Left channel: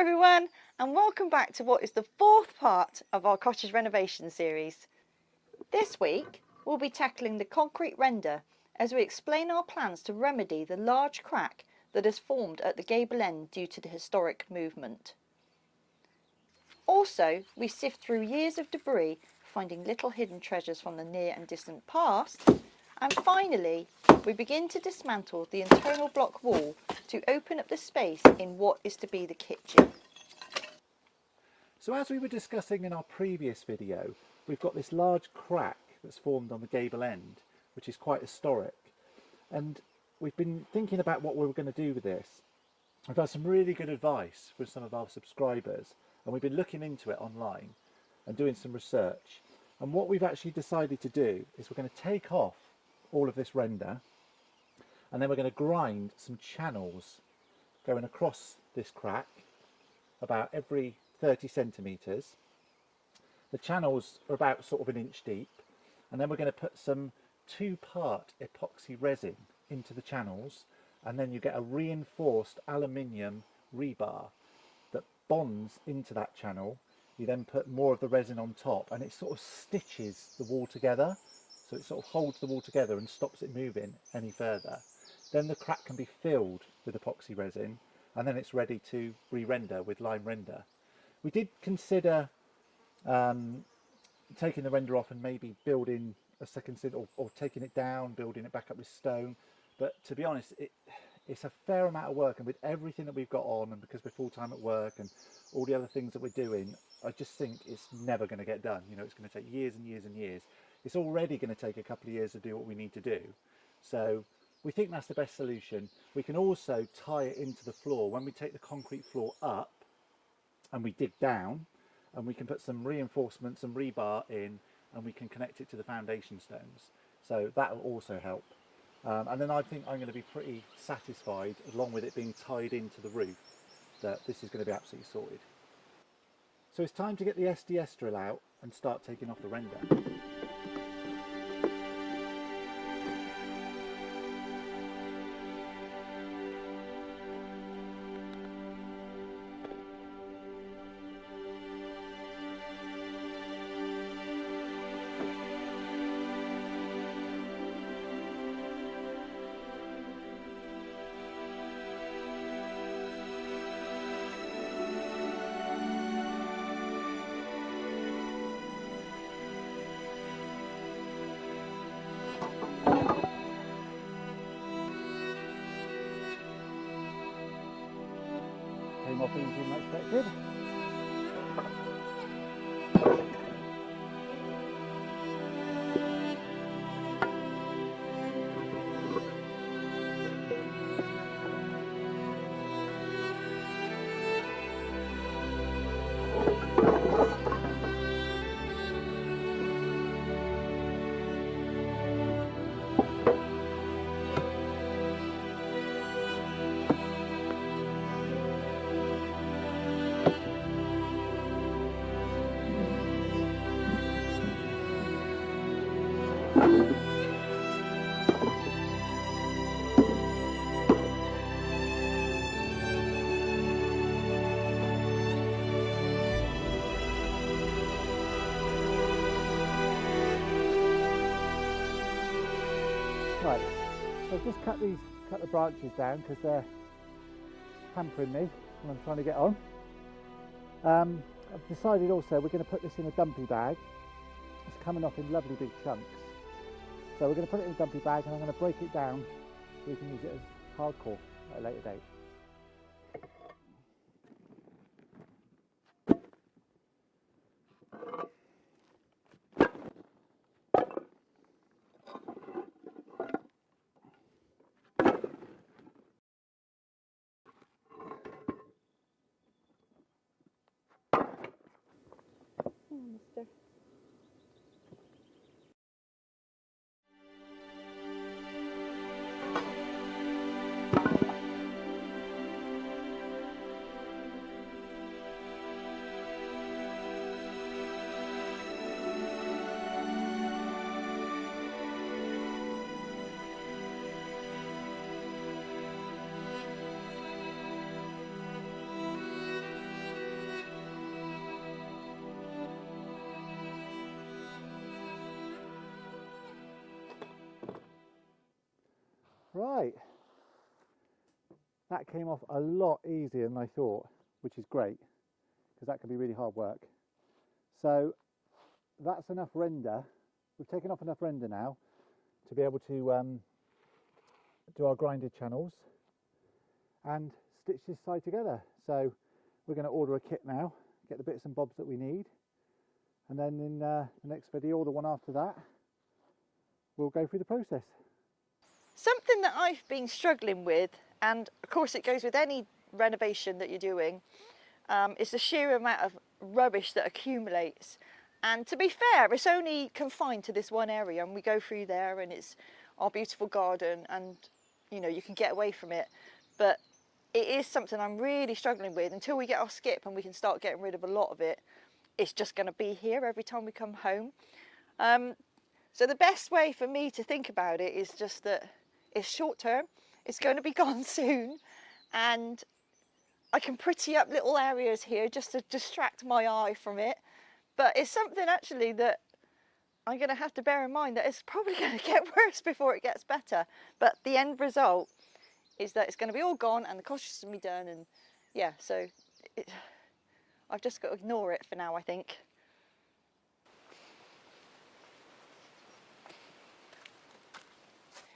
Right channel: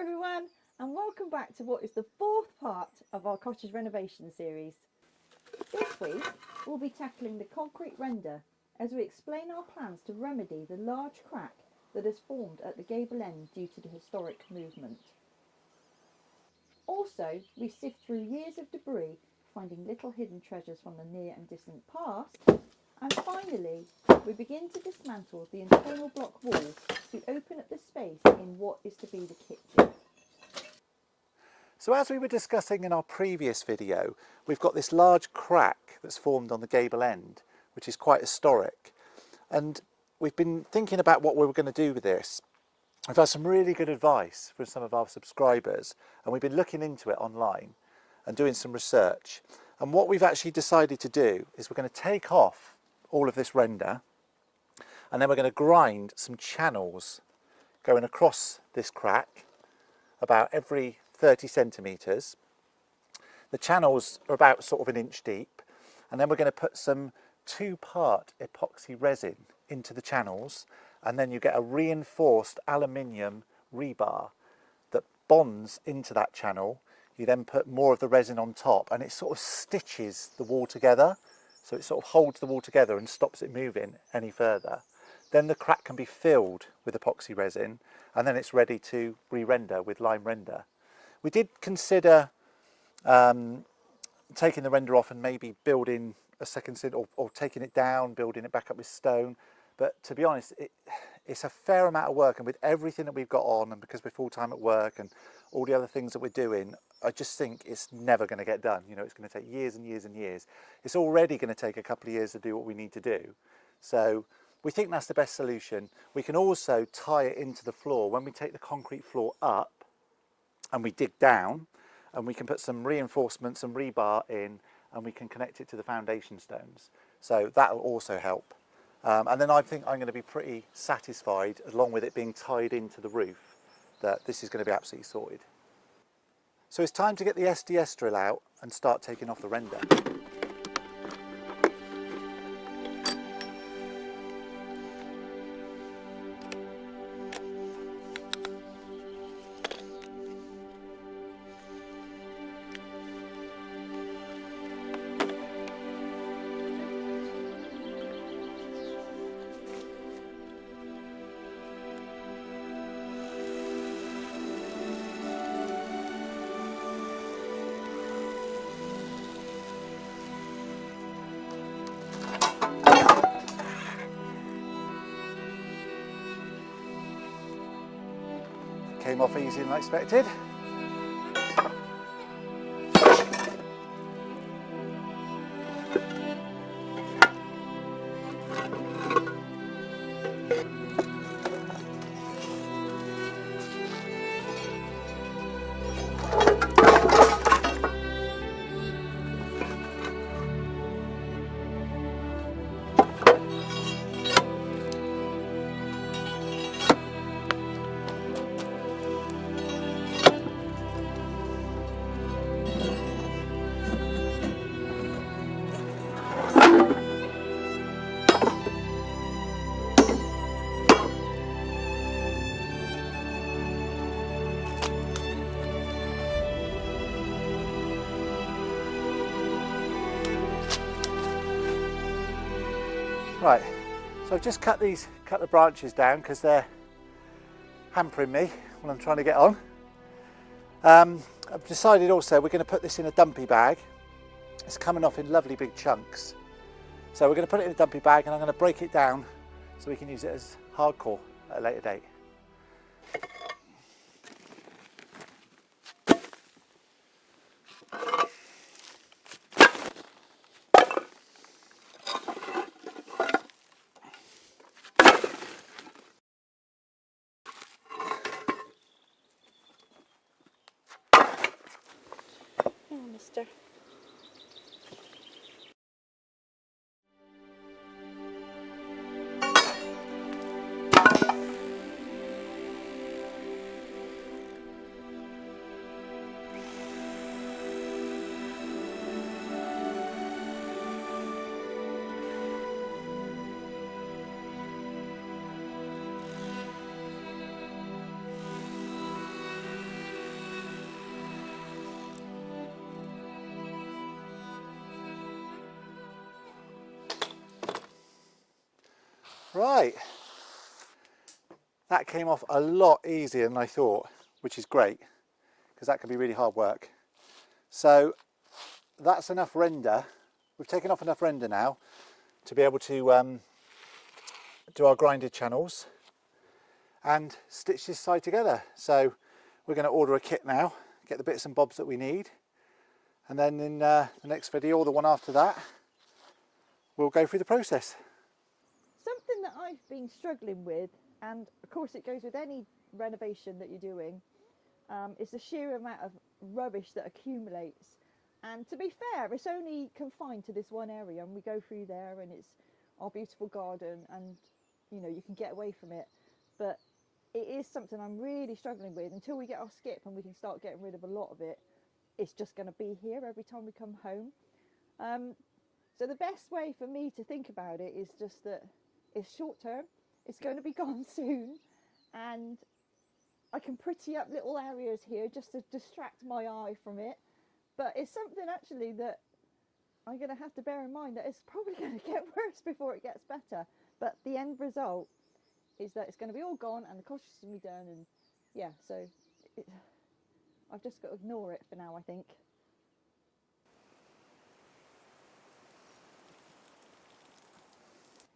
everyone, and welcome back to what is the fourth part of our cottage renovation series. This week we'll be tackling the concrete render as we explain our plans to remedy the large crack that has formed at the gable end due to the historic movement. Also, we sift through years of debris, finding little hidden treasures from the near and distant past. And finally, we begin to dismantle the internal block wall to open up the space in what is to be the kitchen. So as we were discussing in our previous video, we've got this large crack that's formed on the gable end, which is quite historic. And we've been thinking about what we were going to do with this. We've had some really good advice from some of our subscribers, and we've been looking into it online and doing some research. And what we've actually decided to do is we're going to take off all of this render, and then we're going to grind some channels going across this crack about every 30 centimetres. The channels are about sort of an inch deep, and then we're going to put some 2-part epoxy resin into the channels, and then you get a reinforced aluminium rebar that bonds into that channel. You then put more of the resin on top, and it sort of stitches the wall together. So it sort of holds the wall together and stops it moving any further. Then the crack can be filled with epoxy resin, and then it's ready to re-render with lime render. We did consider taking the render off and maybe building a second cint, or taking it down, building it back up with stone. But to be honest, it's a fair amount of work, and with everything that we've got on, and because we're full-time at work and all the other things that we're doing, I just think it's never going to get done. You know, it's going to take years and years and years. It's already going to take a couple of years to do what we need to do. So we think that's the best solution. We can also tie it into the floor. When we take the concrete floor up and we dig down, and we can put some reinforcements and rebar in, and we can connect it to the foundation stones. So that will also help. And then I think I'm going to be pretty satisfied, along with it being tied into the roof, that this is going to be absolutely sorted. So it's time to get the SDS drill out and start taking off the render. Came off easier than I expected. Right, so I've just cut the branches down because they're hampering me when I'm trying to get on. I've decided also we're going to put this in a dumpy bag. It's coming off in lovely big chunks. So we're going to put it in a dumpy bag, and I'm going to break it down so we can use it as hardcore at a later date. Mister. Right, that came off a lot easier than I thought, which is great because that can be really hard work. So that's enough render. We've taken off enough render now to be able to do our grinded channels and stitch this side together. So we're going to order a kit now, get the bits and bobs that we need, and then in the next video or the one after that, we'll go through the process. Something that I've been struggling with, and of course it goes with any renovation that you're doing, is the sheer amount of rubbish that accumulates. And to be fair, it's only confined to this one area, and we go through there and it's our beautiful garden, and you know, you can get away from it. But it is something I'm really struggling with. Until we get our skip and we can start getting rid of a lot of it, it's just going to be here every time we come home. So the best way for me to think about it is just that it's short term, it's going to be gone soon, and I can pretty up little areas here just to distract my eye from it. But it's something actually that I'm going to have to bear in mind, that it's probably going to get worse before it gets better. But the end result is that it's going to be all gone and the cottage is going to be done. And yeah, so I've just got to ignore it for now, I think.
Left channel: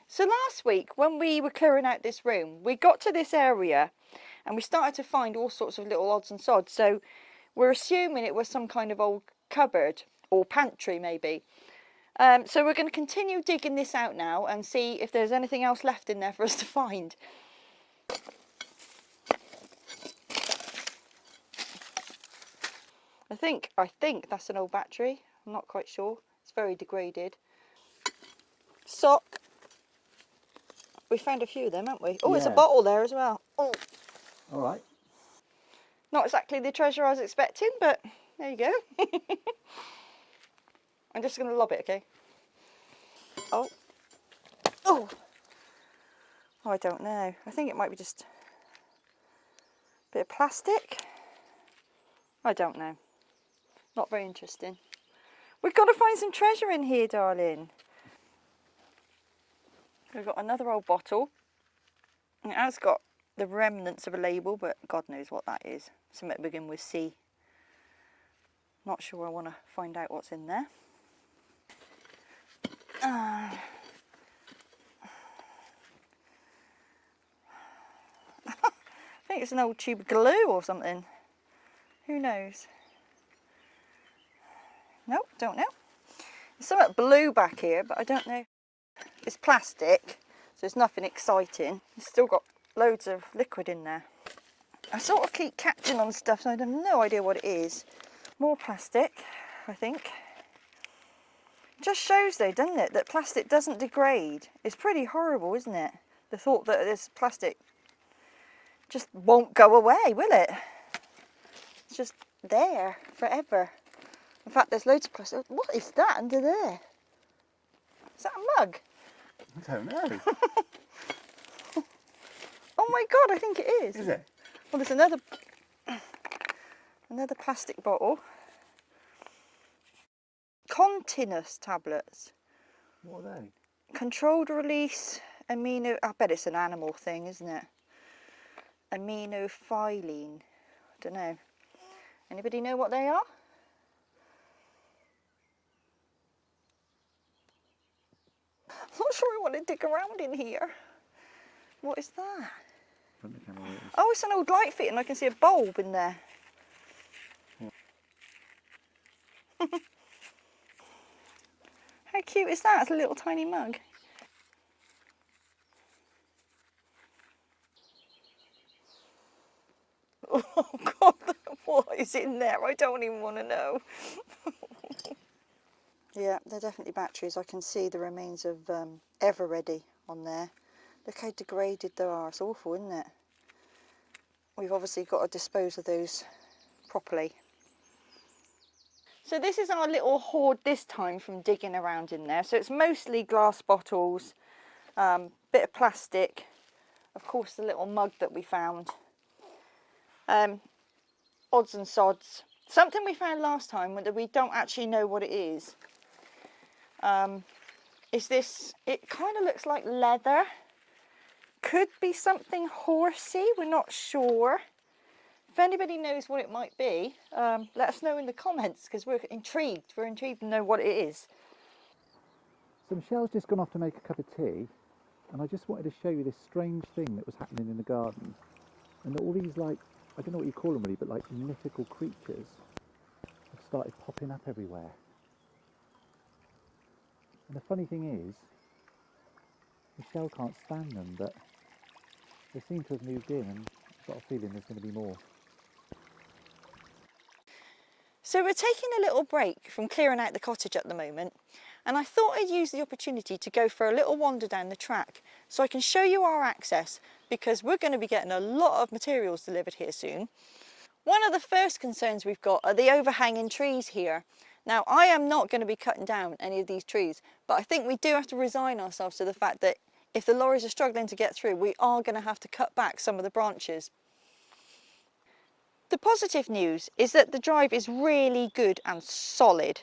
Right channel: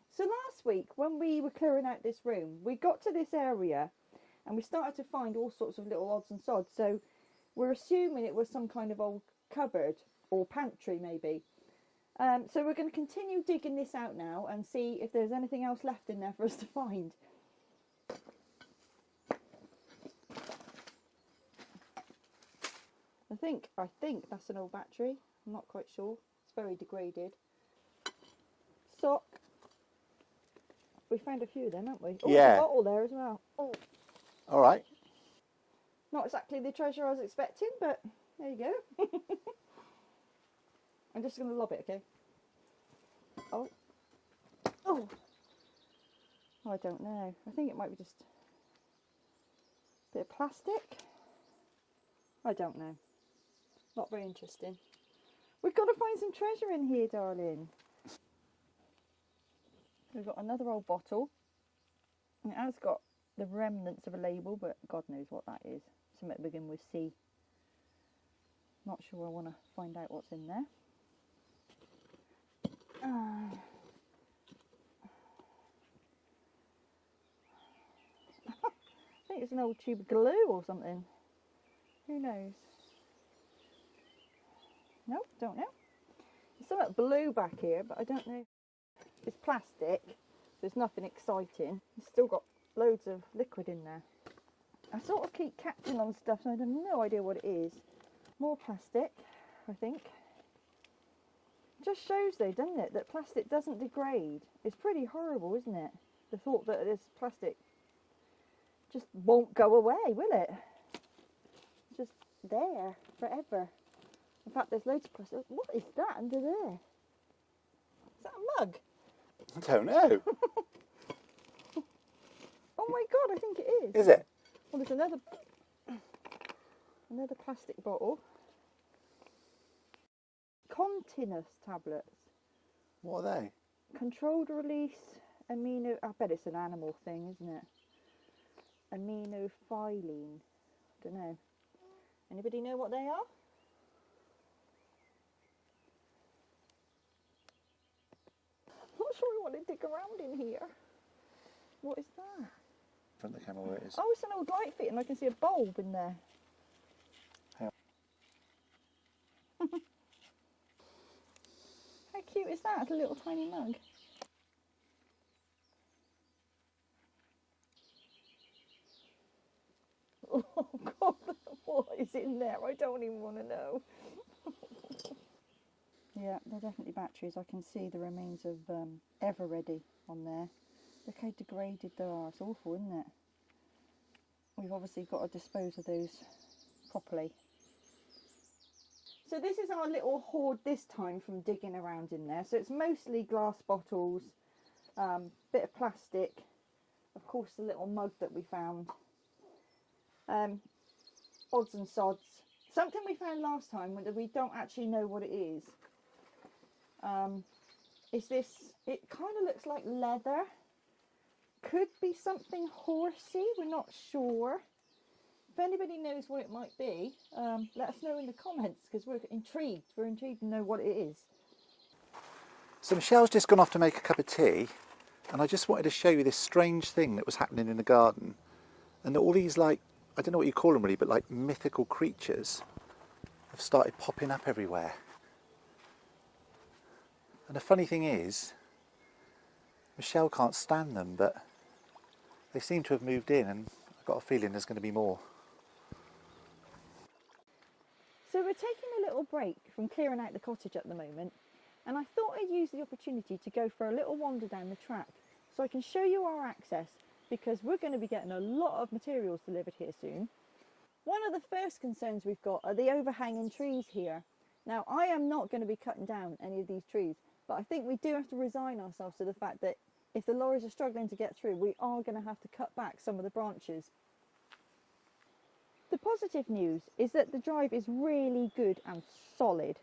So last week when we were clearing out this room, we got to this area and we started to find all sorts of little odds and sods. So we're assuming it was some kind of old cupboard or pantry maybe. So we're going to continue digging this out now and see if there's anything else left in there for us to find. I think that's an old battery. I'm not quite sure. It's very degraded. Sock. We found a few of them, haven't we? Oh, yeah. There's a bottle there as well. Oh. All right. Not exactly the treasure I was expecting, but there you go. I'm just going to lob it, okay? Oh. Oh. Oh, I don't know. I think it might be just a bit of plastic. I don't know. Not very interesting. We've got to find some treasure in here, darling. We've got another old bottle. It has got the remnants of a label, but God knows what that is. Something begin with C. Not sure I want to find out what's in there. I think it's an old tube of glue or something. Who knows? Nope, don't know. There's something blue back here, but I don't know. It's plastic, so it's nothing exciting. It's still got loads of liquid in there. I sort of keep catching on stuff, so I have no idea what it is. More plastic, I think. Just shows though, doesn't it, that plastic doesn't degrade. It's pretty horrible, isn't it? The thought that this plastic just won't go away, will it? It's just there forever. In fact, there's loads of plastic. What is that under there? Is that a mug? I don't know. Oh my God, I think it is. Is it? Well, there's another plastic bottle. Continuous tablets. What are they? Controlled release amino. I bet it's an animal thing, isn't it? Aminophylline. I don't know. Anybody know what they are? I'm not sure I want to dig around in here. What is that? I don't know what it is. Oh, it's an old light fit and I can see a bulb in there. Yeah. How cute is that? It's a little tiny mug. Oh God, what is in there? I don't even want to know. Yeah, they're definitely batteries. I can see the remains of Ever Ready on there. Look how degraded they are. It's awful, isn't it? We've obviously got to dispose of those properly. So this is our little hoard this time from digging around in there. So it's mostly glass bottles, bit of plastic, of course the little mug that we found, odds and sods. Something we found last time that we don't actually know what it is this, it kind of looks like leather, could be something horsey, we're not sure. If anybody knows what it might be, let us know in the comments, because we're intrigued. We're intrigued to know what it is. So Michelle's just gone off to make a cup of tea, and I just wanted to show you this strange thing that was happening in the garden. And all these, like, I don't know what you call them really, but like mythical creatures have started popping up everywhere. And the funny thing is, Michelle can't stand them, but they seem to have moved in, and I've got a feeling there's going to be more. So we're taking a little break from clearing out the cottage at the moment, and I thought I'd use the opportunity to go for a little wander down the track so I can show you our access, because we're going to be getting a lot of materials delivered here soon. One of the first concerns we've got are the overhanging trees here. Now, I am not going to be cutting down any of these trees, but I think we do have to resign ourselves to the fact that if the lorries are struggling to get through, we are going to have to cut back some of the branches. The positive news is that the drive is really good and solid,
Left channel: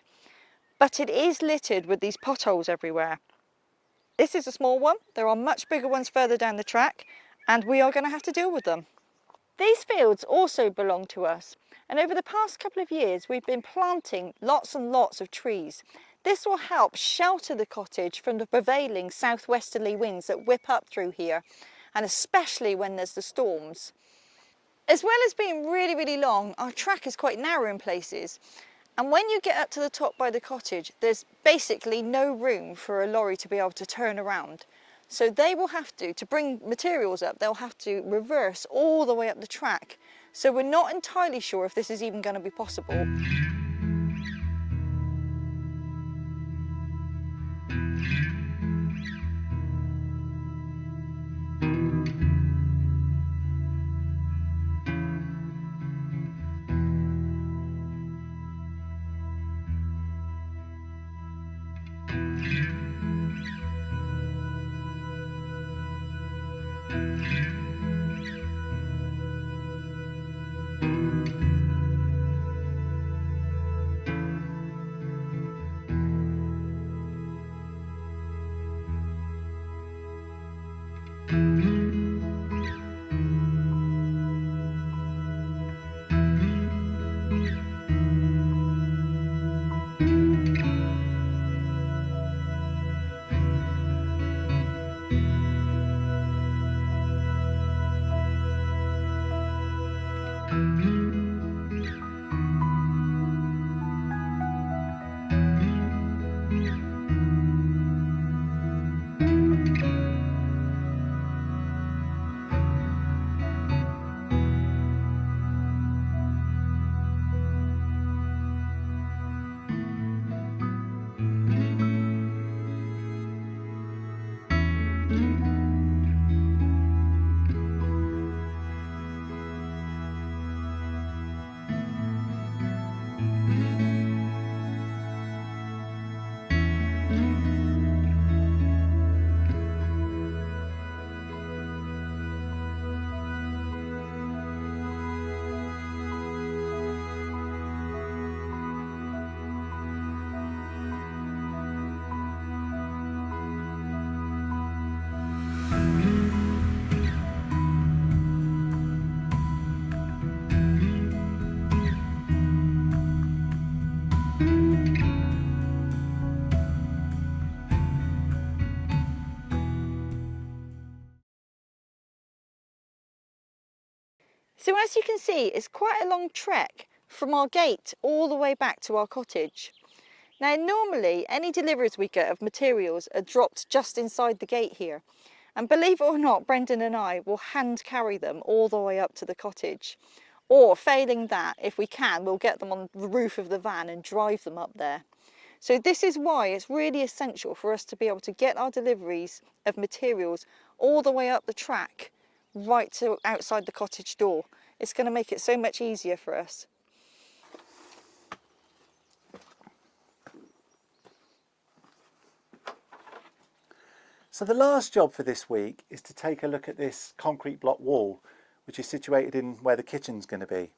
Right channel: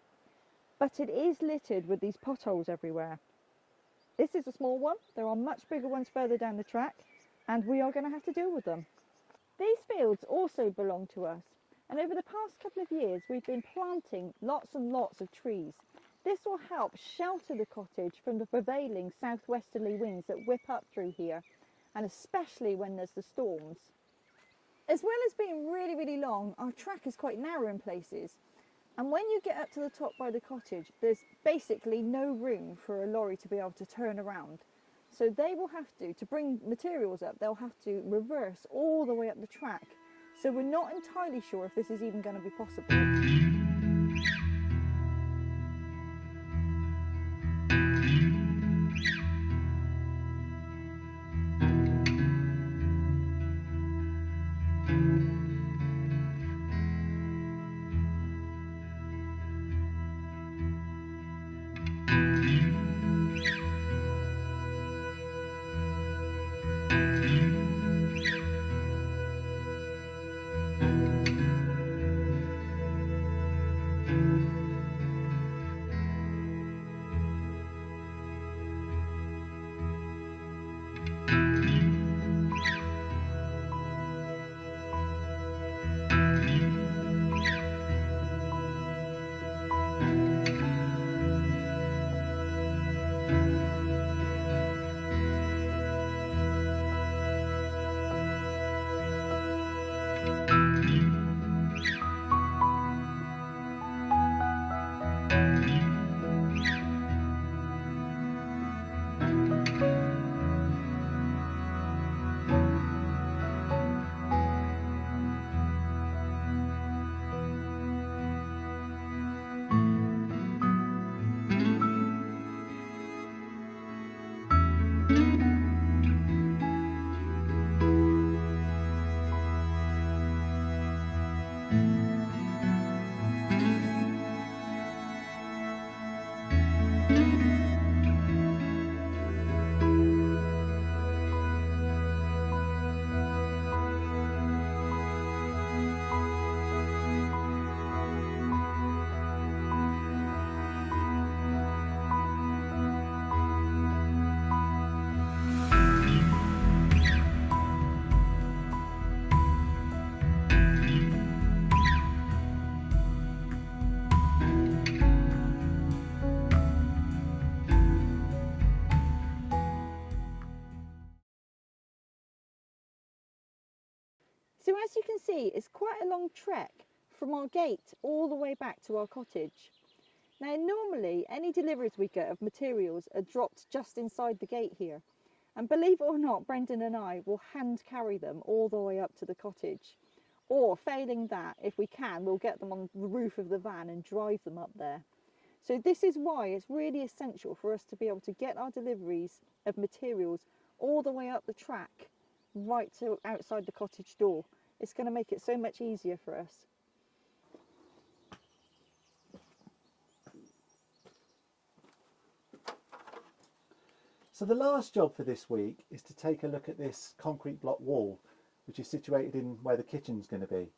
but it is littered with these potholes everywhere. This is a small one. There are much bigger ones further down the track, and we are going to have to deal with them. These fields also belong to us, and over the past couple of years we've been planting lots and lots of trees. This will help shelter the cottage from the prevailing southwesterly winds that whip up through here, and especially when there's the storms. As well as being really, really long, our track is quite narrow in places, and when you get up to the top by the cottage, there's basically no room for a lorry to be able to turn around. So they will have to bring materials up, they'll have to reverse all the way up the track. So we're not entirely sure if this is even going to be possible. So as you can see, it's quite a long trek from our gate all the way back to our cottage. Now normally any deliveries we get of materials are dropped just inside the gate here. And believe it or not, Brendan and I will hand carry them all the way up to the cottage. Or failing that, if we can, we'll get them on the roof of the van and drive them up there. So this is why it's really essential for us to be able to get our deliveries of materials all the way up the track, right to outside the cottage door. It's going to make it so much easier for us. So the last job for this week is to take a look at this concrete block wall, which is situated in where the kitchen's going to be.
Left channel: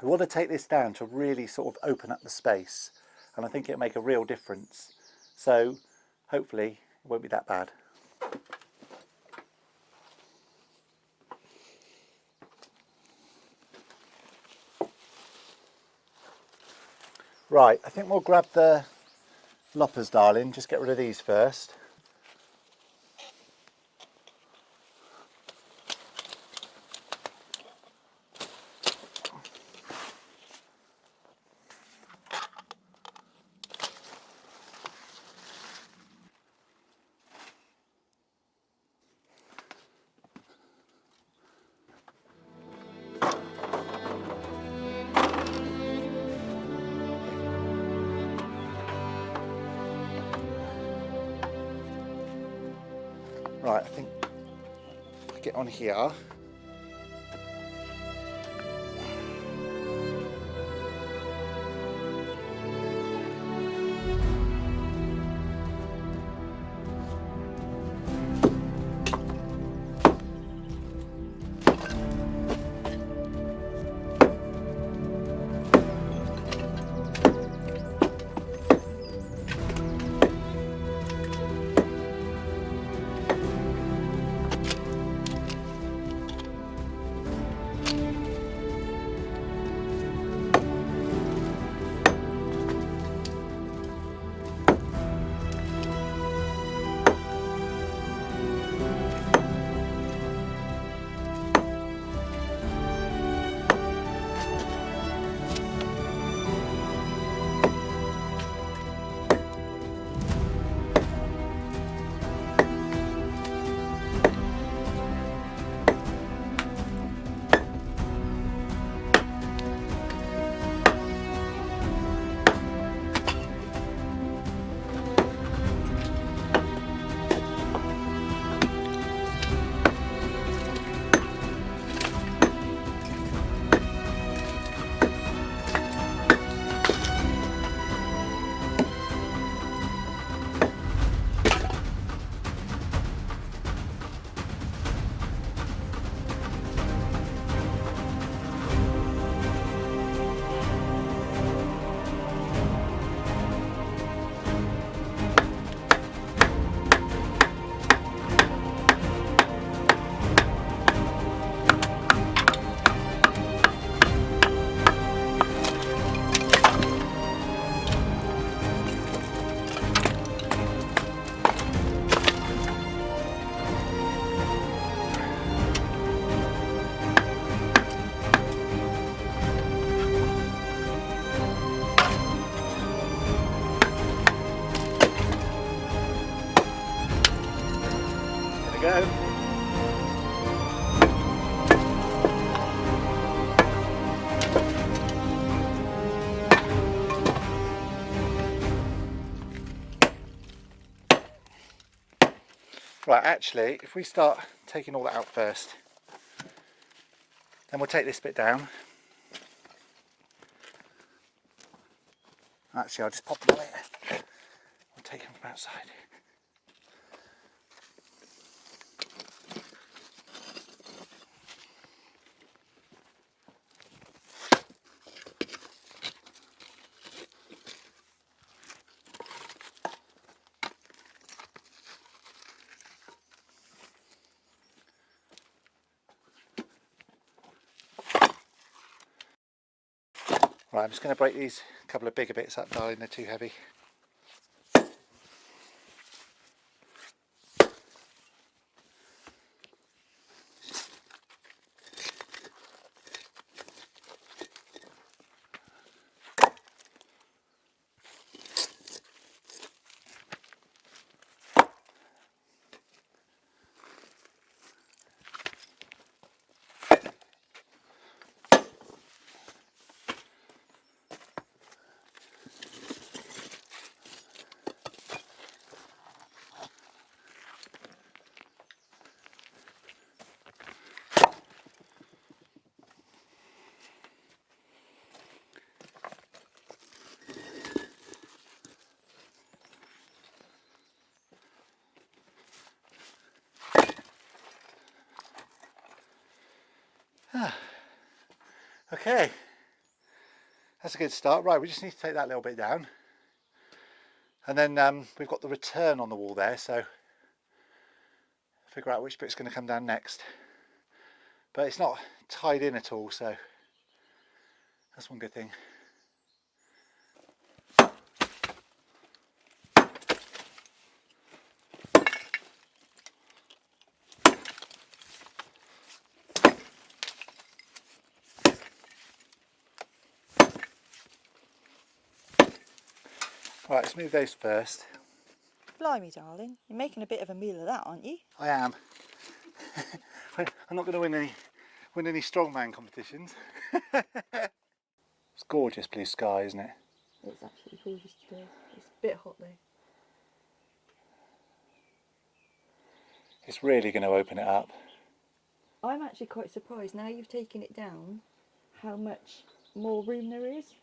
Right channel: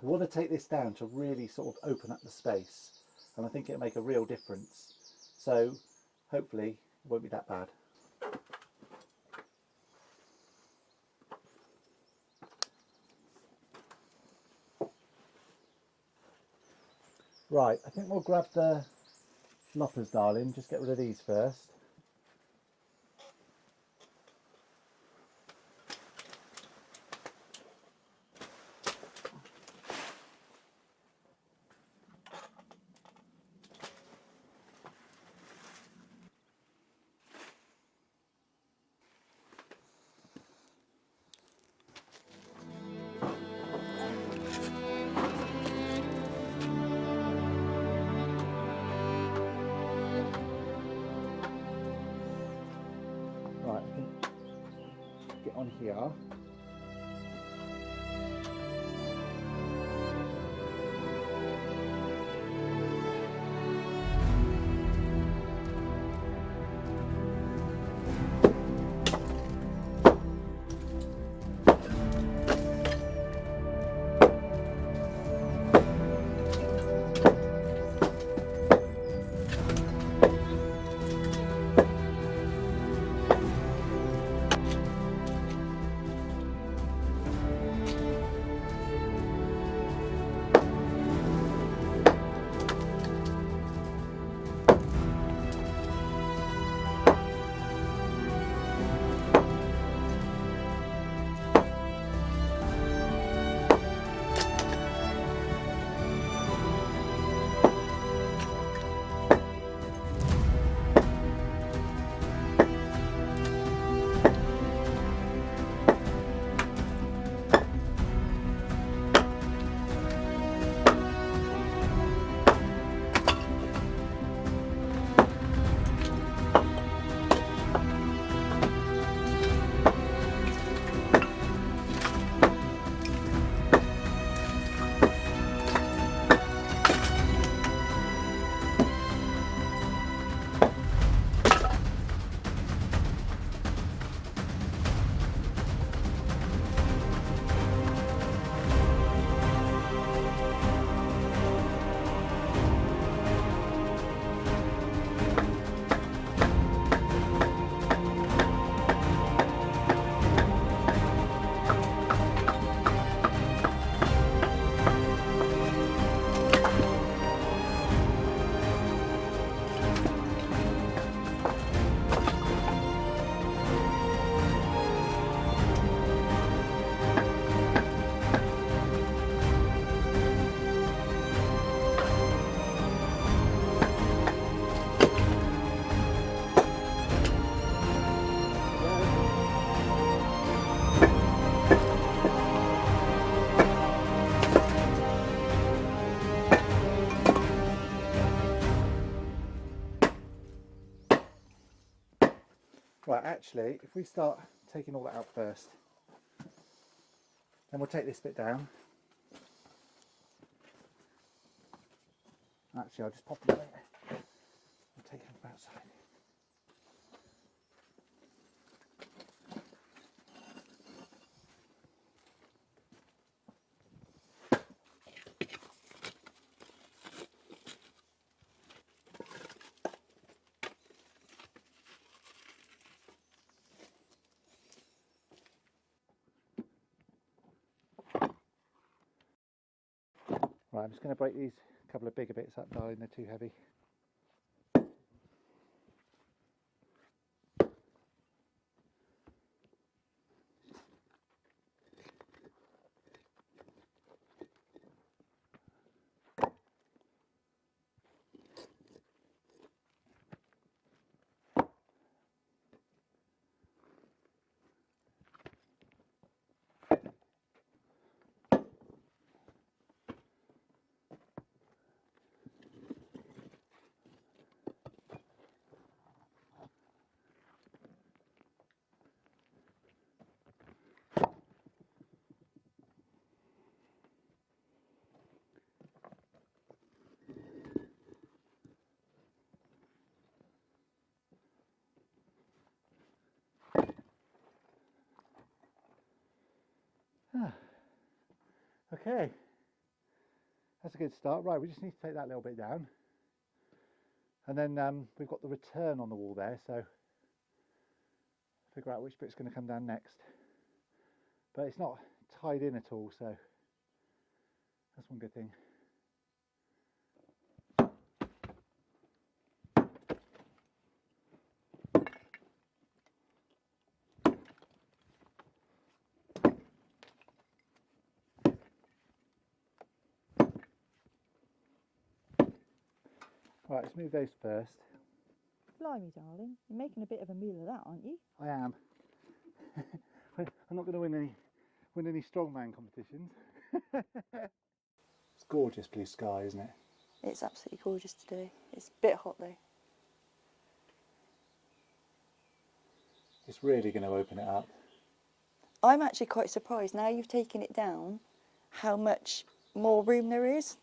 We want to take this down to really sort of open up the space, and I think it'll make a real difference. So hopefully it won't be that bad. Right, I think we'll grab the loppers, darling. Just get rid of these first. Right, I think if I get on here. There we go. Right, actually, if we start taking all that out first, then we'll take this bit down. Actually, I'll just pop them away. We'll take them from outside. Right, I'm just going to break these couple of bigger bits up, darling, they're too heavy. Okay, that's a good start. Right, we just need to take that little bit down. And then we've got the return on the wall there, so figure out which bit's going to come down next. But it's not tied in at all, so that's one good thing. Right, let's move those first. Blimey, darling, you're making a bit of a meal of that, aren't you? I am. I'm not going to win any strongman competitions. It's gorgeous blue sky, isn't it? It's absolutely gorgeous today. It's a bit hot though. It's really going to open it up. I'm actually quite surprised now you've taken it down how much more room there is.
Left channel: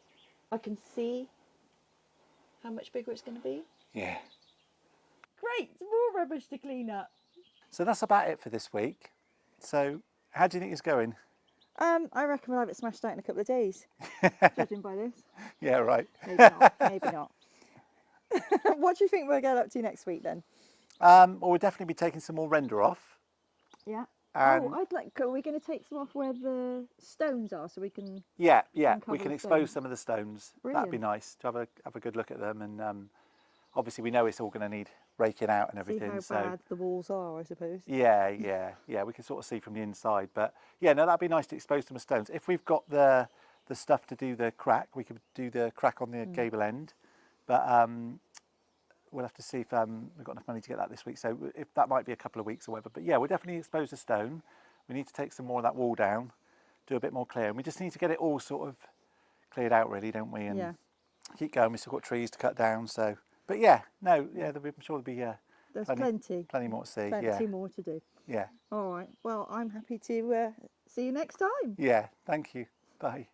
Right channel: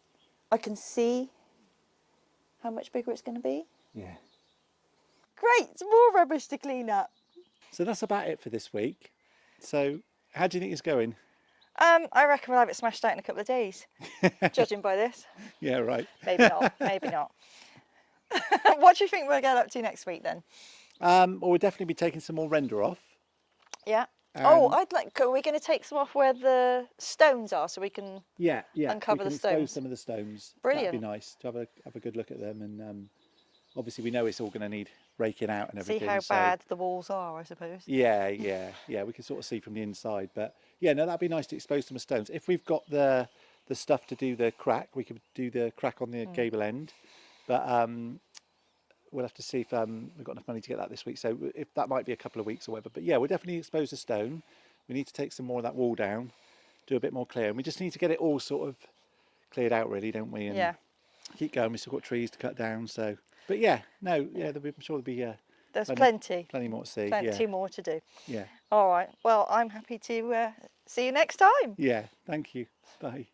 I can see how much bigger it's going to be. Yeah. Great, more rubbish to clean up. So that's about it for this week. So how do you think it's going? I reckon we'll have it smashed out in a couple of days, judging by this. Yeah, right. Maybe not, maybe not. What do you think we'll get up to next week then? Well, we'll definitely be taking some more render off. Yeah. And Are we going to take some off where the stones are so we can... yeah, uncover we can the expose stones. some of the stones. Brilliant. That'd be nice to have a good look at them, and obviously we know it's all going to need raking out and See everything. how so bad the walls are, I suppose. yeah, we can sort of see from the inside. But yeah, no, that'd be nice to expose some stones. If we've got the stuff to do the crack, we could do the crack on the gable end. But we'll have to see if we've got enough money to get that this week. So if that might be a couple of weeks or whatever. But yeah, we'll definitely expose the stone. We need to take some more of that wall down, do a bit more clear. And we just need to get it all sort of cleared out really, don't we? And Yeah. keep going. We've still got trees to cut down. So, but yeah, no, yeah, I'm sure there'll be There's plenty more to see. Plenty more to do. Yeah. All right. Well, I'm happy to see you next time. Yeah. Thank you. Bye.